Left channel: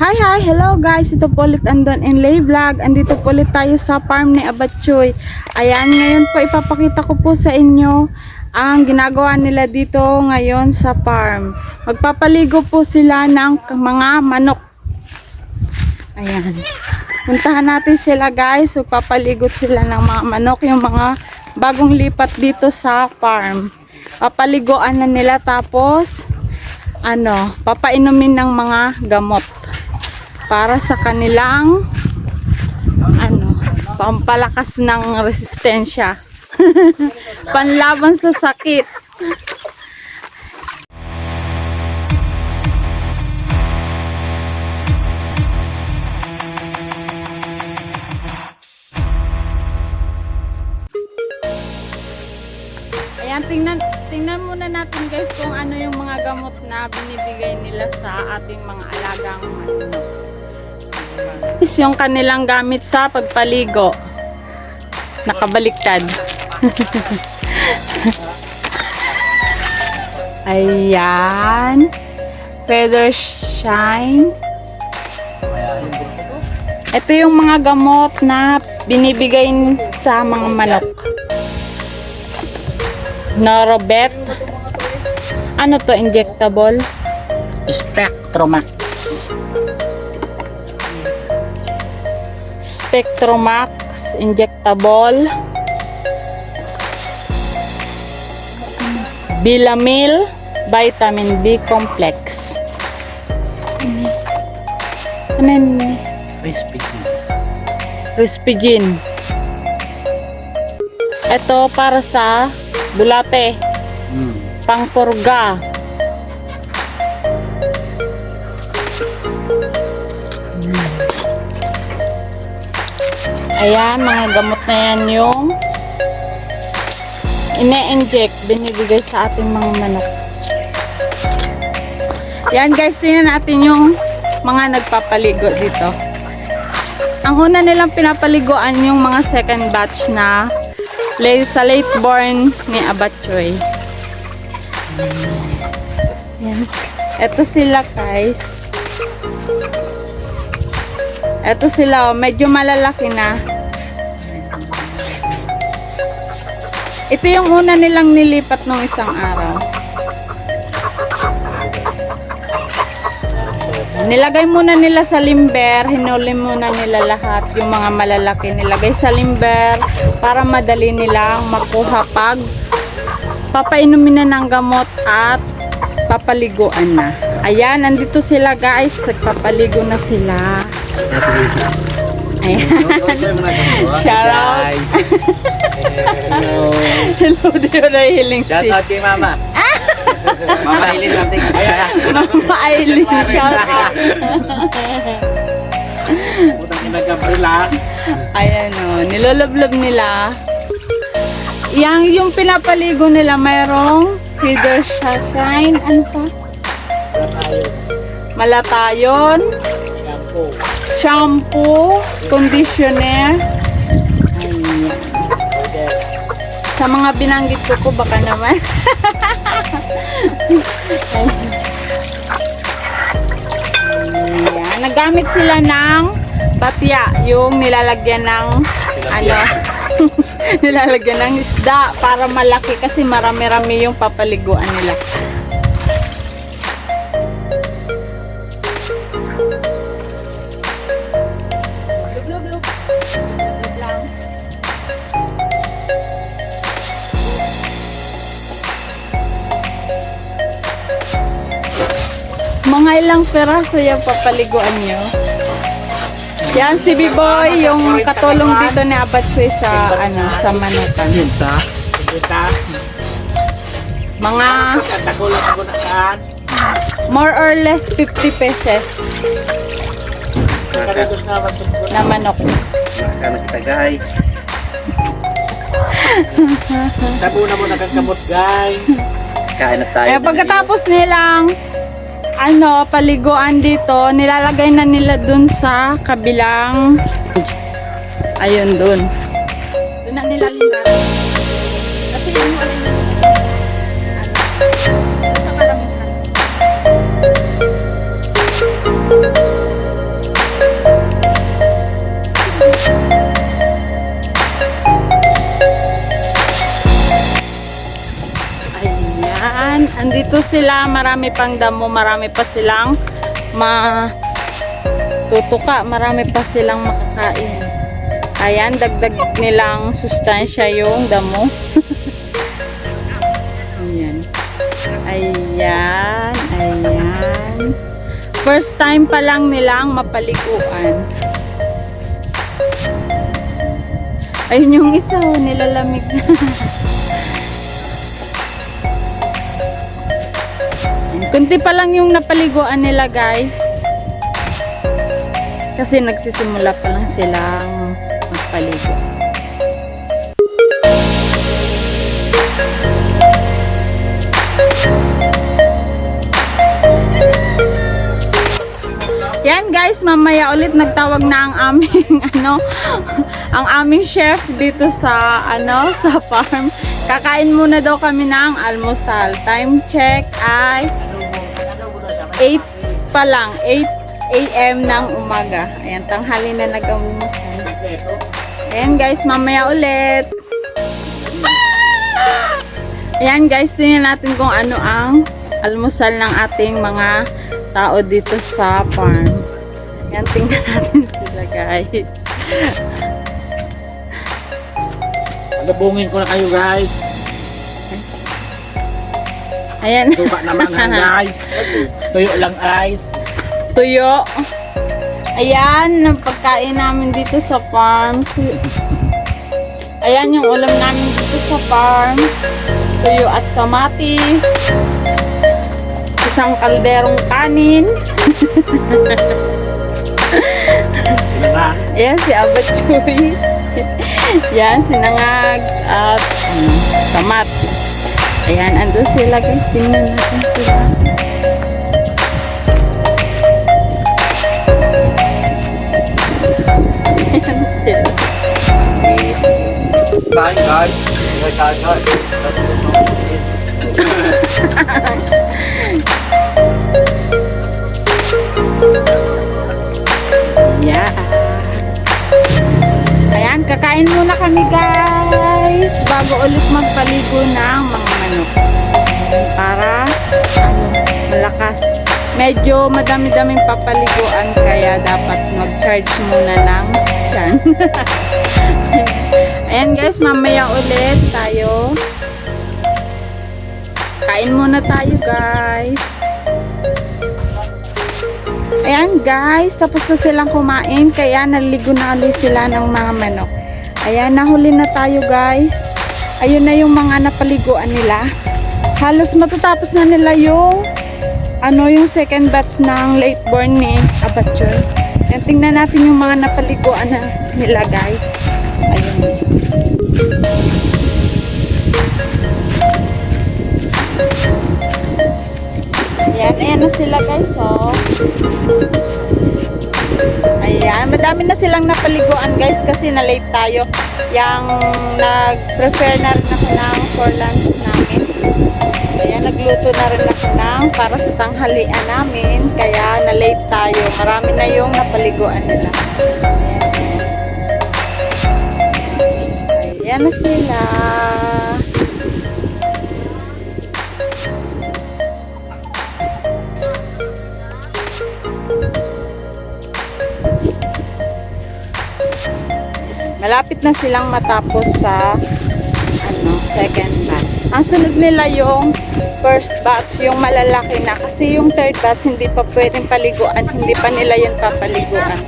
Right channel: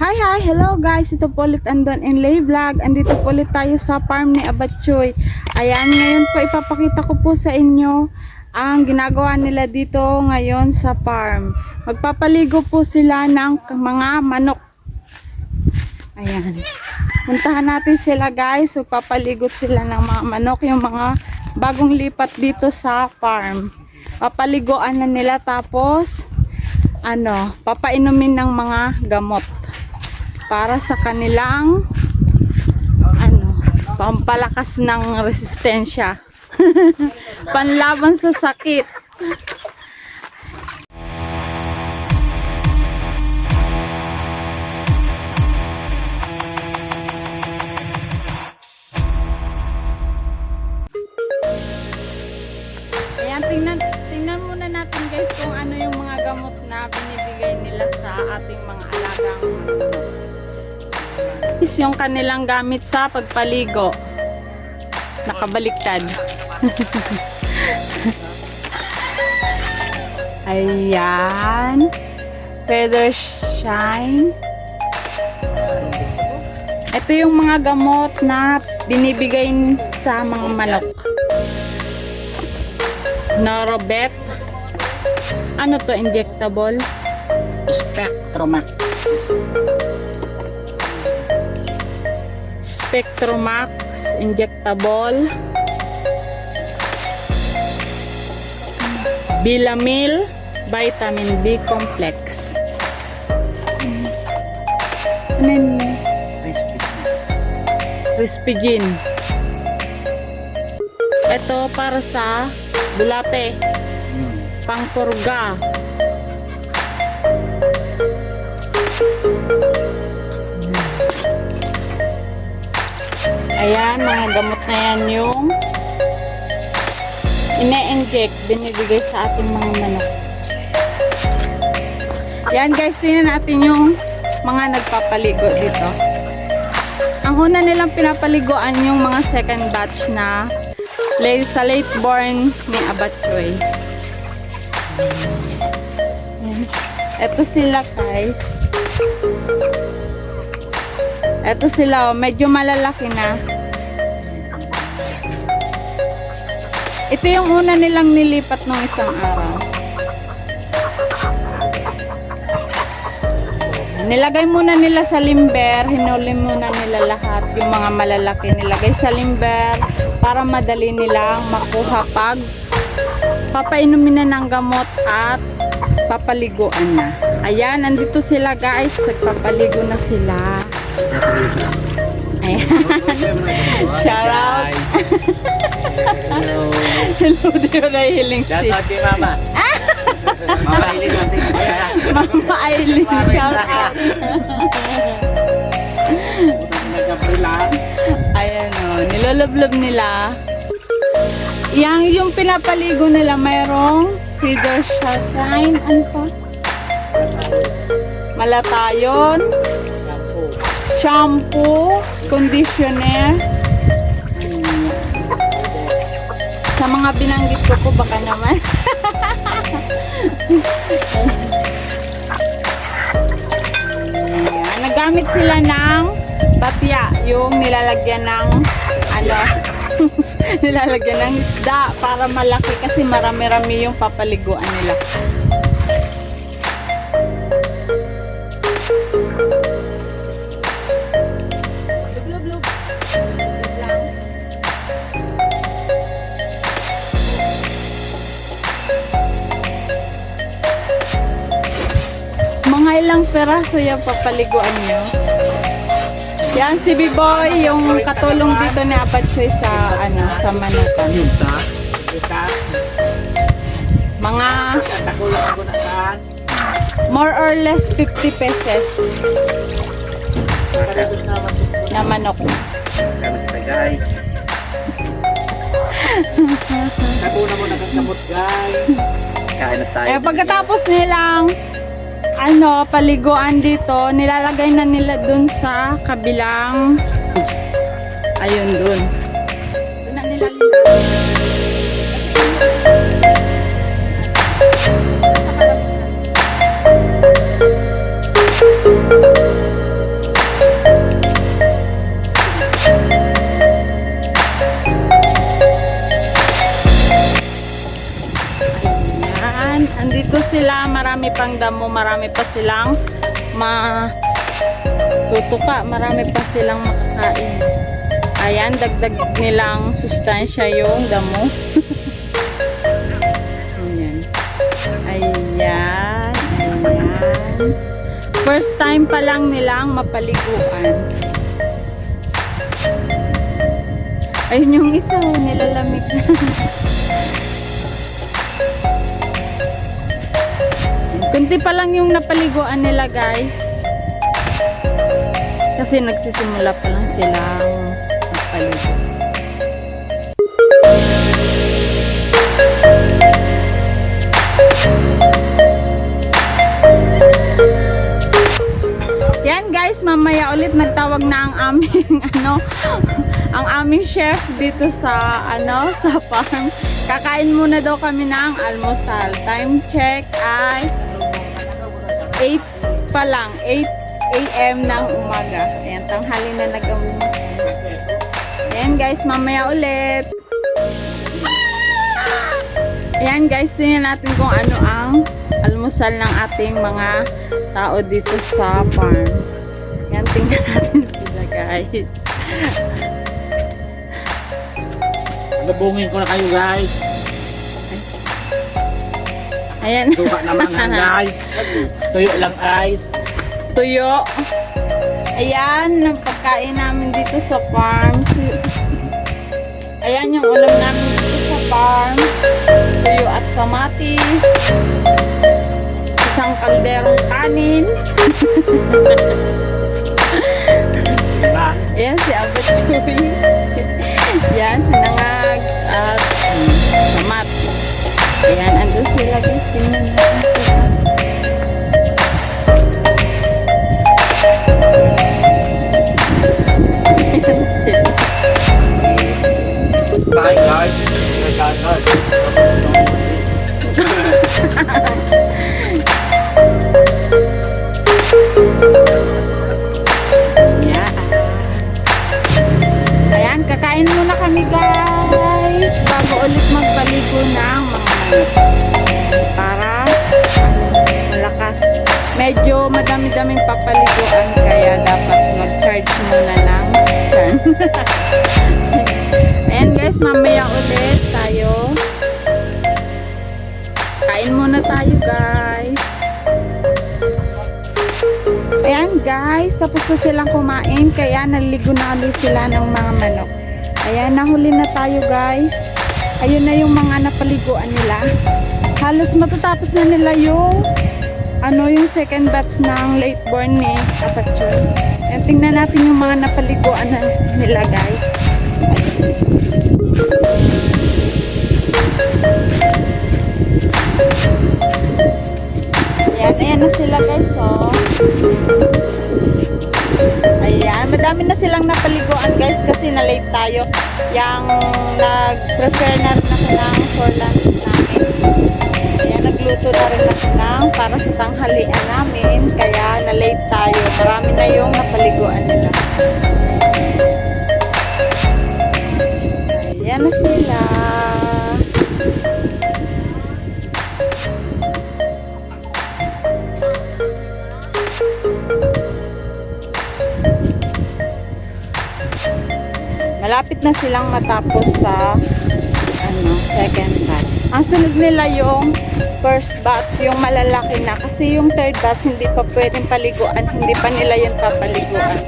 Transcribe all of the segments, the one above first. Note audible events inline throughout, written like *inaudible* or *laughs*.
Hi, hi! Hello guys! Ito po ulit Andon in Lay Vlog. Andito po ulit tayo sa farm ni Abatchoy. Ayan, ngayon po ipapakita ko po sa inyo ang ginagawa nila dito ngayon sa farm. Magpapaligo po sila ng mga manok. Ayan. Puntahan natin sila guys. Magpapaligot sila ng mga manok. Yung mga bagong lipat dito sa farm. Papaliguan na nila tapos ano, papainumin ng mga gamot para sa kanilang ano, pampalakas ng resistensya. *laughs* Panlaban sa sakit. Is yung kanilang gamit sa pagpaligo. Nakabaliktad. *laughs* Ayan. Feather shine. Ito yung mga gamot na binibigay sa mga manok. Norobet. Ano to, injectable? Spectromax. Spectromax injectable. Bilamil vitamin B complex. Ano yun? Crispy. Rispigin. Ito para sa bulate, Mm. pangpurga. Ayan, mga gamot na yan yung ine-inject, binibigay sa ating mga manok. Yan guys, tingnan natin yung mga nagpapaligo dito. Ang una nilang pinapaliguan yung mga second batch na late, sa late born ni Abatchoy. Yan. Ito sila guys. Ito sila, oh, medyo malalaki na. Ito yung una nilang nilipat nung isang araw. Nilagay muna nila sa limber, hinuli muna nila lahat yung mga malalaki. Nilagay sa limber para madali nilang makuha pag papainumin na ng gamot at papaliguan na. Ayan, nandito sila guys. Nagpapaligo na sila. Ayan. Shout out. Hello. Hello, dear nahihiling Shout si out kay Mama. Mama, natin. Mama Aileen. Shout out. Ayan o, niloloblob nila. Yang yung pinapaligo nila mayroong feather shine. Ano to? Malatayon. Shampoo. Conditioner. Ayan. Sa mga binanggit ko po baka naman. Ayan. Nagamit sila ng batya, yung nilalagyan ng ano, *laughs* nilalagyan ng isda para malaki kasi marami-rami yung papaliguan nila. Mga ilang peraso yung papaliguan nyo? Yan si B-Boy, yung katulong dito ni Apachoy sa ano sa manukan. Ita. Ita. Mga more or less 50 pesos na manok. Kanag tagay. Sabi na mo nagkakamot guys. Kain na tayo. Eh pagkatapos nilang ano, paliguan dito, nilalagay na nila dun sa kabilang ayun dun. Dun na nila gusto sila, marami pang damo, marami pa silang ma tutuka, marami pa silang makakain. Ayan, dagdag nilang sustansya yung damo. *laughs* Ayan. Ayan, ayan. First time pa lang nilang mapaliguan. Ayun yung isa, nilalamig na. *laughs* Kunti pa lang yung napaliguan nila, guys. Kasi nagsisimula pa lang silang magpaligo. Yan guys, mamaya ulit nagtawag na ang aming *laughs* ano, ang aming chef dito sa ano, sa farm. Kakain muna daw kami ng almusal. Time check ay 8 pa lang, 8 a.m. ng umaga. Ayan, tanghali na nag-almusal. Ayan guys, mamaya ulit. Ayan guys, tingnan natin kung ano ang almusal ng ating mga tao dito sa farm. Ayan, tingnan natin *laughs* sila guys. Nabungin ko na kayo guys. Ayan, Suka naman ang *laughs* guys. Tuyo lang guys. tuyo. Ayan, ang pagkain namin dito sa farm. Ayan yung ulam namin dito sa farm. Tuyo at kamatis. Isang kalderong kanin. Ayan si Abat Chuy. Yan, sinangag at um, kamatis. Ayan, andun sila guys. Tingnan natin sila. Ayan sila. Bye guys. Bye guys. Yeah. Ayan, kakain muna kami guys bago ulit magpaligo ng mga manok. Para ano, malakas. Medyo madami-daming papaliguan kaya dapat mag-charge muna ng tiyan. *laughs* Ayan guys, mamaya ulit tayo. Kain muna tayo guys. Ayan guys, tapos na silang kumain kaya naligo na ulit sila ng mga manok. Ayan, nahuli na tayo guys. Ayun na yung mga napaliguan nila. Halos matatapos na nila yung ano yung second batch ng late born ni Abatchoy. Ayan, tingnan natin yung mga napaliguan na nila guys. Ayun. Ayan, ayan na sila guys, oh. Ayan, madami na silang napaliguan guys kasi na late tayo. Yang nag-prepare na rin ako ng for lunch namin. Ayan, nagluto na rin ako ng para sa tanghalian namin. Kaya na late tayo. Marami na yung napaliguan nila. Ayan na sila. Malapit na silang matapos sa ano, second batch. Ang sunod nila yung first batch, yung malalaki na. Kasi yung third batch, hindi pa pwedeng paliguan. Hindi pa nila yan papaliguan.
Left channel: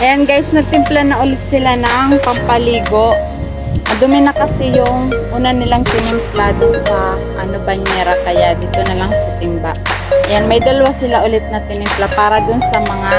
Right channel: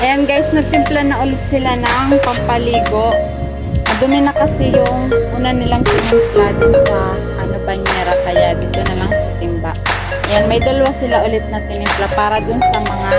Ayan guys, nagtimpla na ulit sila ng pampaligo. Madumi na kasi yung una nilang tinimpla sa ano banyera kaya dito na lang sa timba. Ayan, may dalawa sila ulit na tinimpla para dun sa mga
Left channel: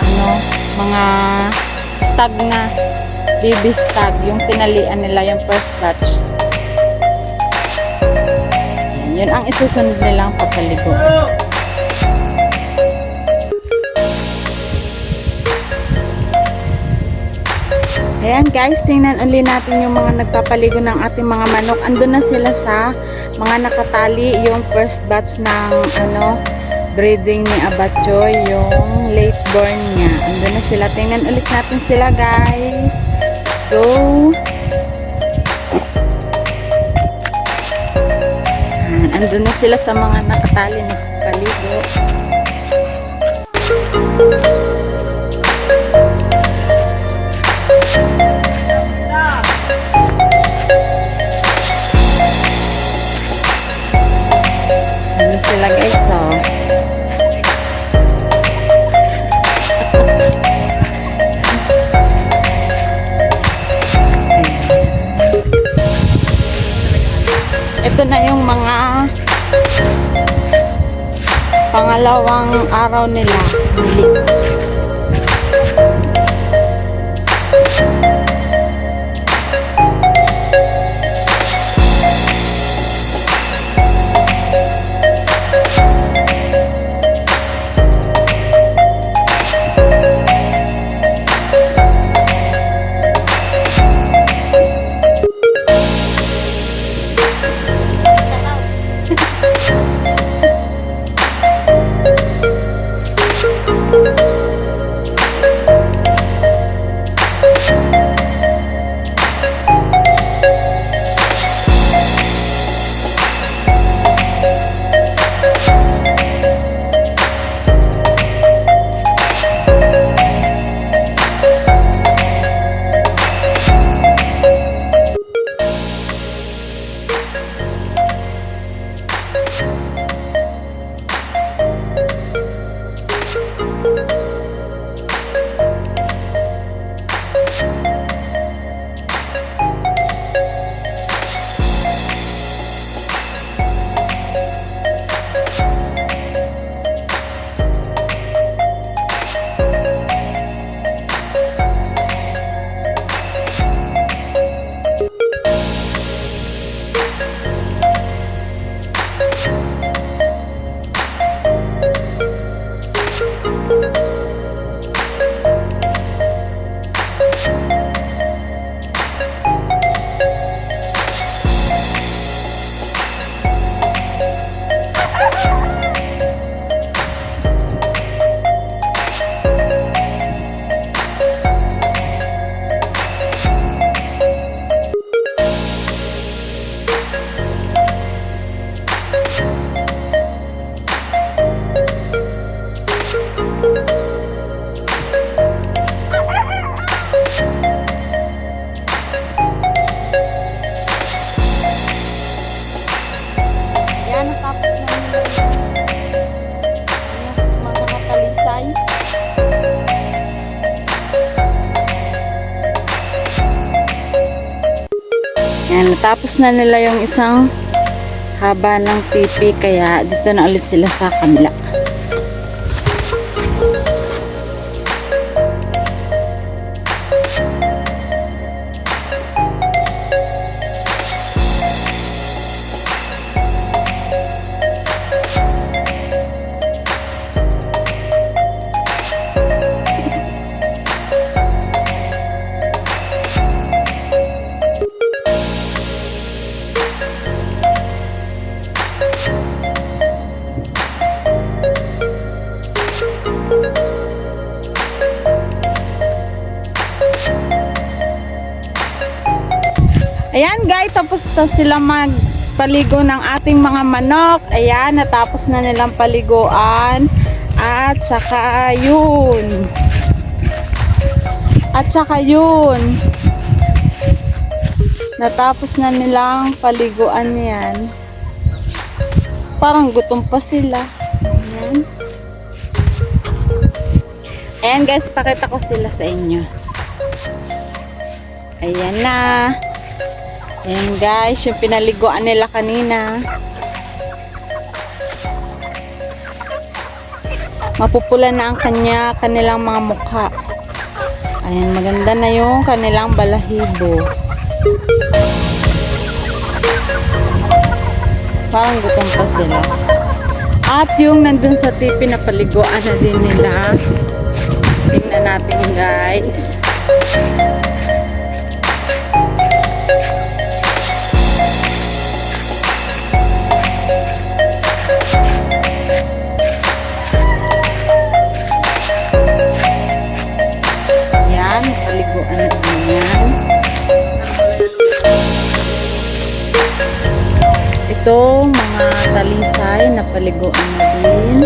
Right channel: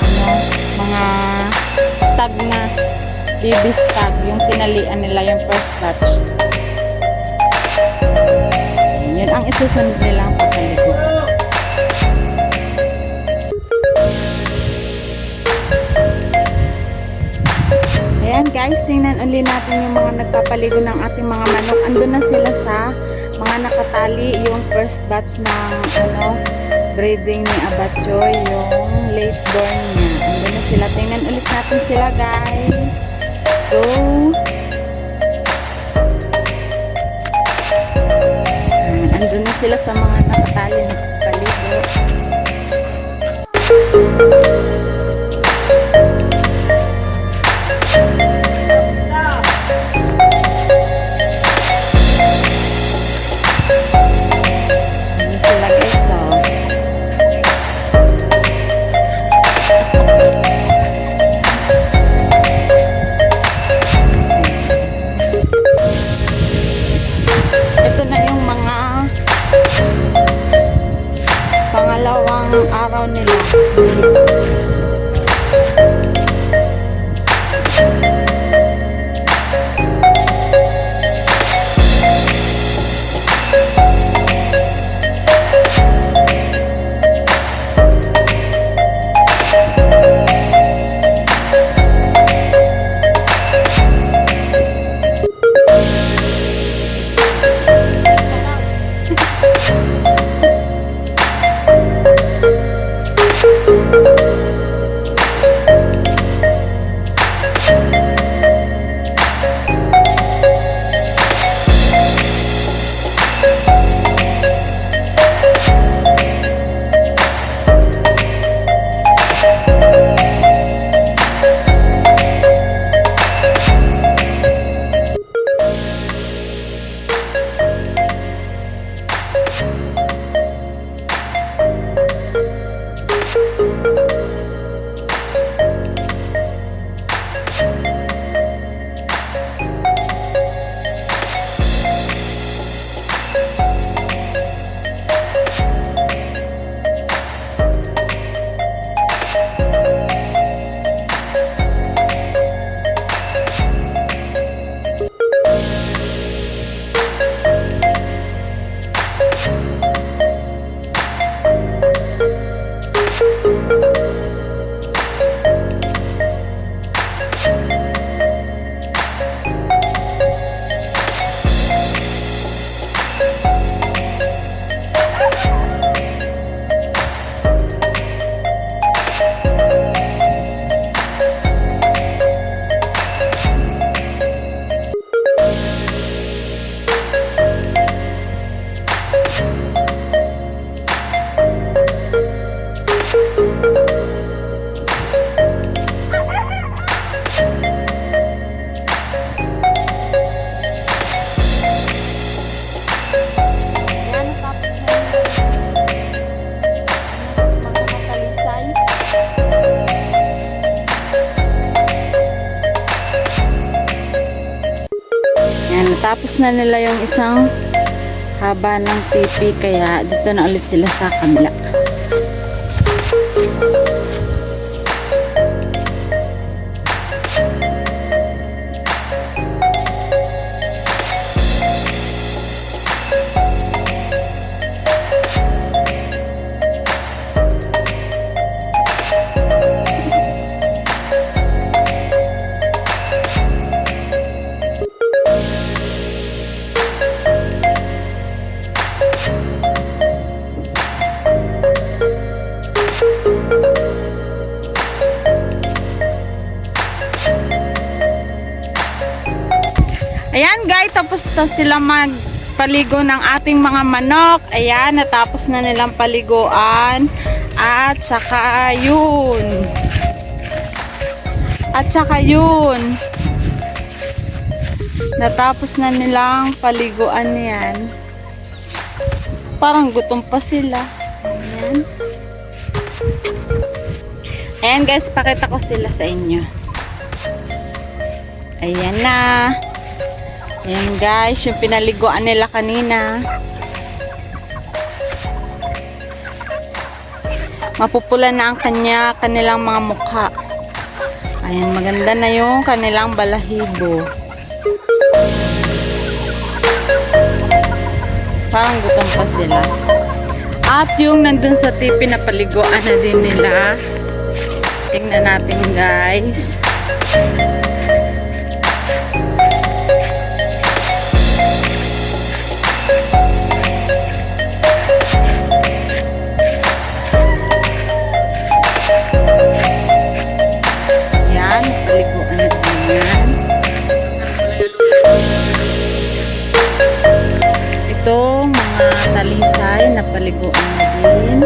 ano, mga stag na baby stag, yung pinalian nila yung first batch. Ayan, yun ang isusunod nilang papaligo. Ayan guys, tingnan uli natin yung mga nagpapaligo ng ating mga manok. Andun na sila sa mga nakatali, yung first batch ng ano, breeding ni Abatchoy, yung late born niya. Andun na sila. Tingnan ulit natin sila guys. paligo. Ah, andun na sila sa mga nakatali na paligo. Ano pangalawang araw nila. Bili. Natapos na nila yung isang haba ng pipi kaya dito na ulit sila sa kabila. Ayan guys, tapos na sila magpaligo ng ating mga manok. Ayan, natapos na nilang paliguan. At saka yun. At saka yun. Natapos na nilang paliguan yan. Parang gutom pa sila. Ayan. Ayan guys, pakita ko sila sa inyo. Ayan na. Ayan guys, yung pinaliguan nila kanina. Mapupula na ang kanya, kanilang mga mukha. Ayan, maganda na yung kanilang balahibo. Parang gutom pa sila. At yung nandun sa tipi na paliguan na din nila. Tingnan natin guys. Liguan na ganyan. Ito, mga talisay na paliguan na din.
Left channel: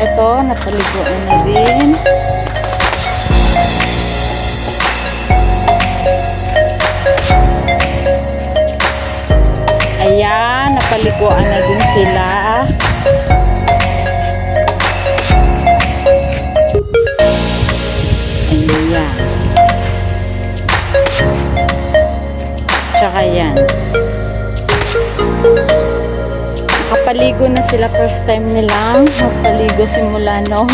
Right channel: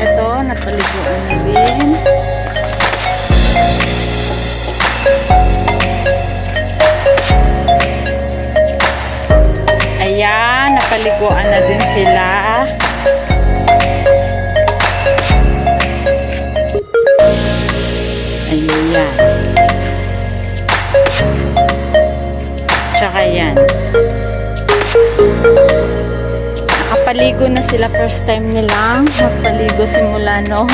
Ito, napaliguan na din. Ayan, napaliguan na din sila. Ayan. Tsaka yan. Nakapaligo na sila first time nilang. Napaligo simula no.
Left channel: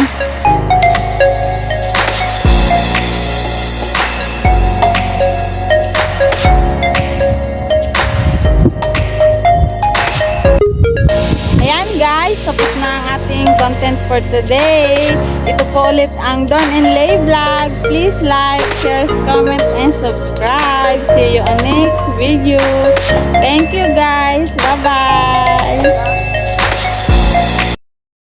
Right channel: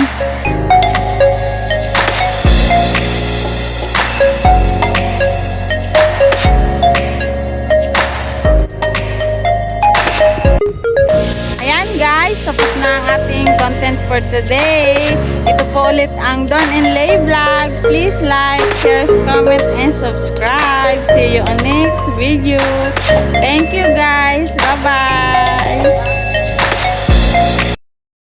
Ayan guys, tapos na ang ating content for today. Ito po ulit ang Don and Lay Vlog. Please like, share, comment, and subscribe. See you on next video. Thank you guys. Bye-bye.